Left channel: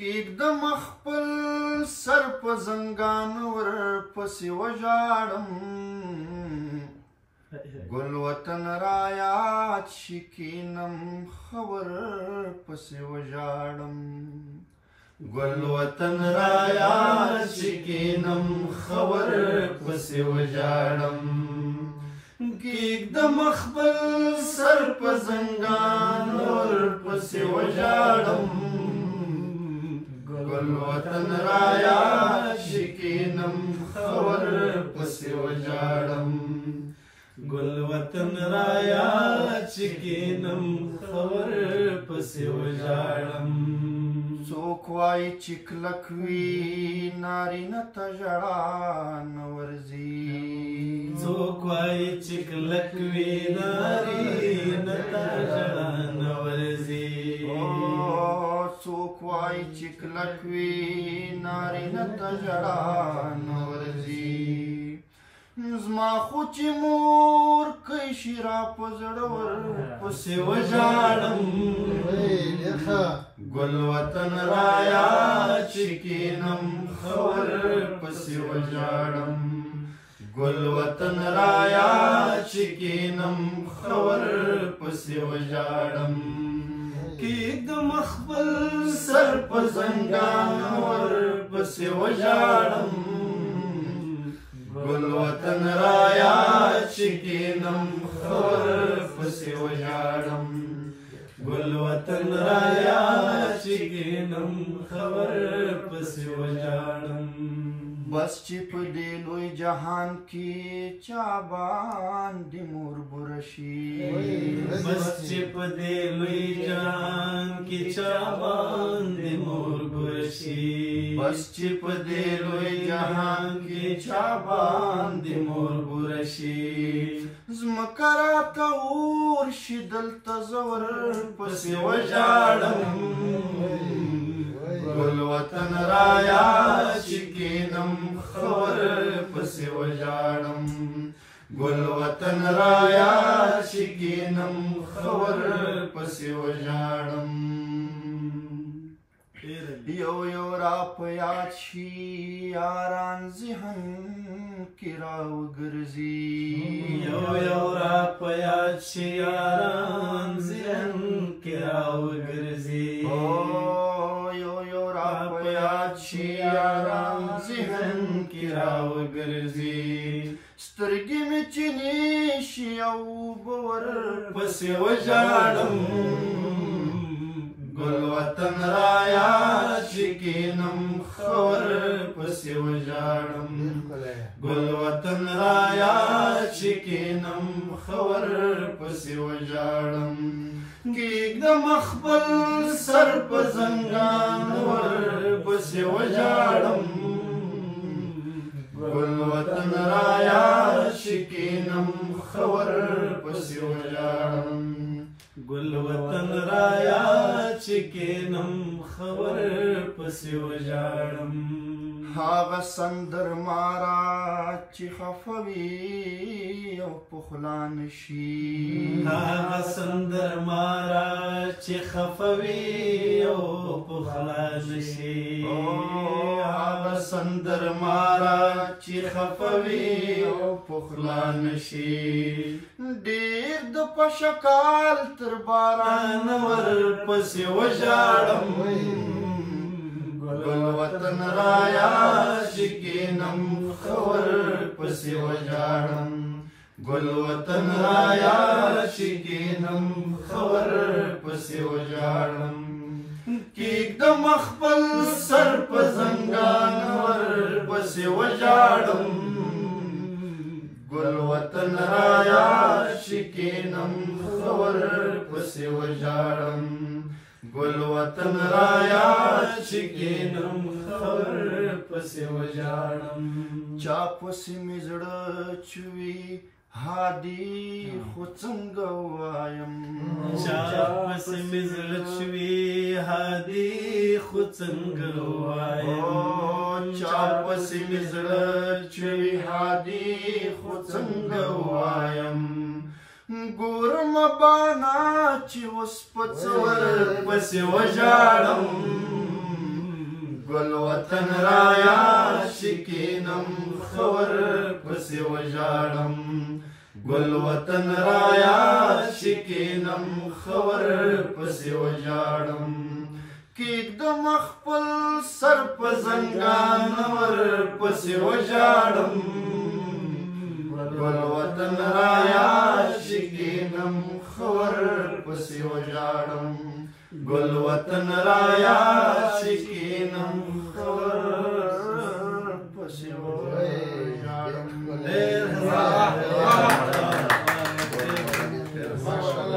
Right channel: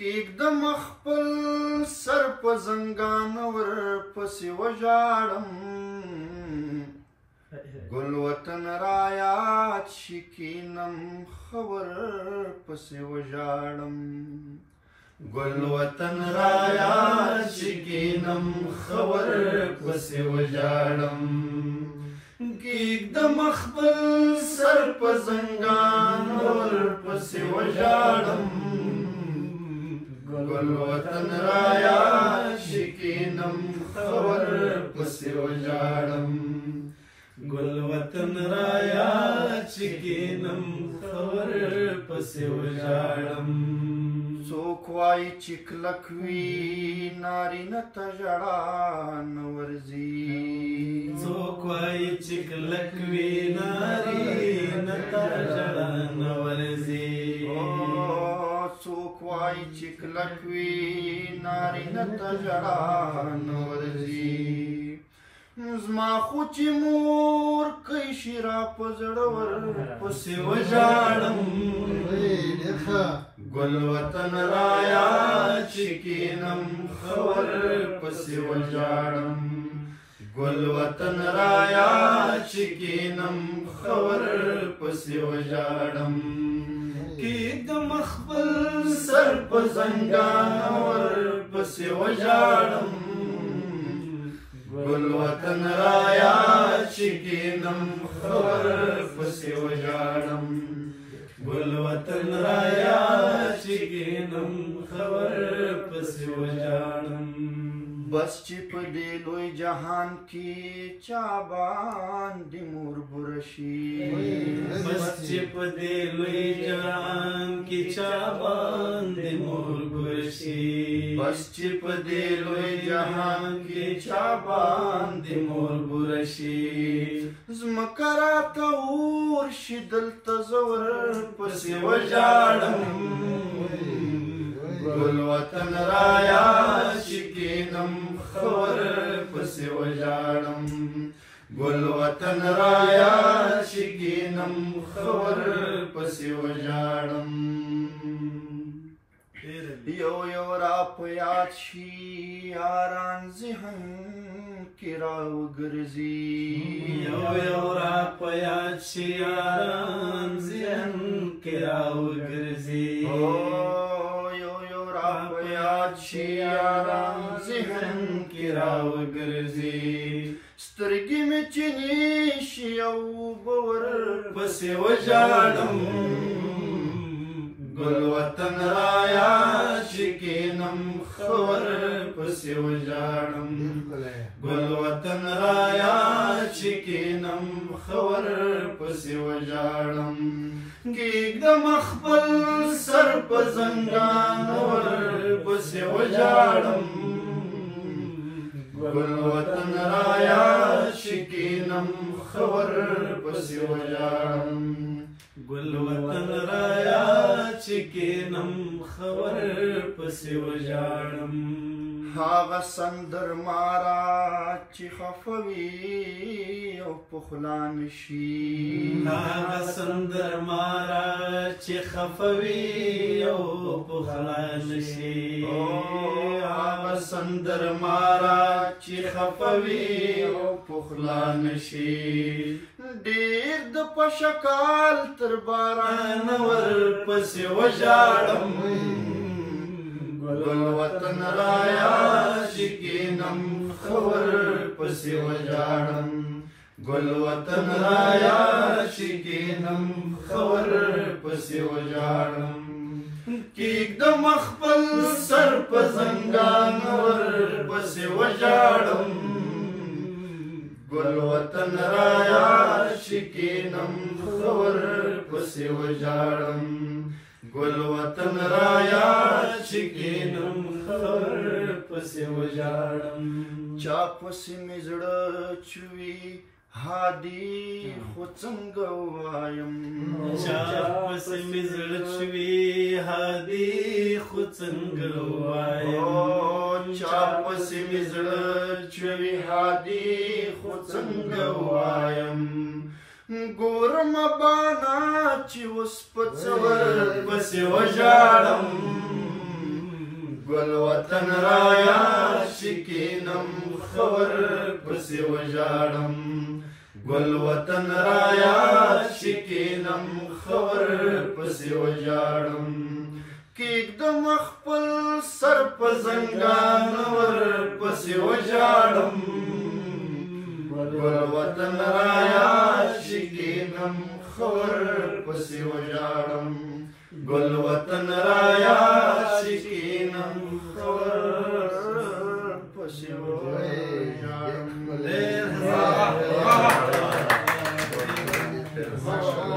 کېږدم خپل سر په زنګان ورپسې وژاړم ګل وطن رایاد شي کینم ښه ورپسې وژاړم ګل وطن رایاد شي کینم ښه ورپسې وژاړم کېږدم خپل سر په زنګان ورپسې وژاړم ګل وطن رایاد شي کینم ښه ورپسې وژاړم ګل وطن رایاد شي کینم ښه ورپسې وژاړم څوک وایي چې کلک وي نارینه ته ژړا نه ورځي څوک وایي چې کلک وي نارینه ته ژړا نه ورځي څوک وایي چې کلک وي نارینه ته ژړا نه ورځي زما خو چې مور کوي شي را په زړه ورپسې وژاړم ګل وطن رایاد شي کینم ښه ورپسې وژاړم ګل وطن رایاد شي کینم ښه ورپسې وژاړم کېږدم خپل سر په زنګان ورپسې وژاړم ګل وطن رایاد شي کینم ښه ورپسې وژاړم ګل وطن رایاد شي کینم ښه ورپسې وژاړم بس چې په دې لوی جهان کې چا باندې مور بوره شي بس چې په دې لوی جهان کې چا باندې مور بوره شي بس چې په دې لوی جهان کې چا باندې مور بوره شي ځمکه راته اور شي دلته زه ورپسې وژاړم ګل وطن رایاد شي کینم ښه ورپسې وژاړم ګل وطن رایاد شي کینم ښه ورپسې وژاړم یو یو را په یاد شي یاران ذهن کې راوګرځي یو یو را په یاد شي یاران ذهن کې راوګرځي یاد شي یاران ذهن کې راوګرځي سترګې مې چینې شي او به ورپسې وژاړم ګل وطن رایاد شي کینم ښه ورپسې وژاړم ګل وطن رایاد شي کینم ښه ورپسې وژاړم کېږدم خپل سر په زنګان ورپسې وژاړم ګل وطن رایاد شي کینم ښه ورپسې وژاړم ګل وطن رایاد شي کینم ښه ورپسې وژاړم هغه سندرماره چې خفه وي او په خوله نشي هغه سندرماره چې خفه وي او په خوله نشي هغه سندرماره چې خفه وي او په خوله نشي ډېر د پشکال تر باران ورپسې وژاړم ګل وطن رایاد شي کینم ښه ورپسې وژاړم ګل وطن رایاد شي کینم ښه ورپسې وژاړم کېږدم خپل سر په زنګان ورپسې وژاړم ګل وطن رایاد شي کینم ښه ورپسې وژاړم ګل وطن رایاد شي کینم ښه ورپسې وژاړم چا پسې مې زړه چوي هادي خو څنګه ووایم چا پسې مې زړه چوي هادي خو څنګه ووایم چا پسې مې زړه چوي هادي خو څنګه ووایم ګورم بانا چې اوس په څه ورپسې وژاړم گل وطن رایا شکینم خور پسی وجاڑم گل وطن رایا شکینم خور پسی وجاڑم کیږدم خپل سر په زنګان ور پسې وژاړم ګل وطن رایا شکینم خور پسې وژاړم ګل وطن رایا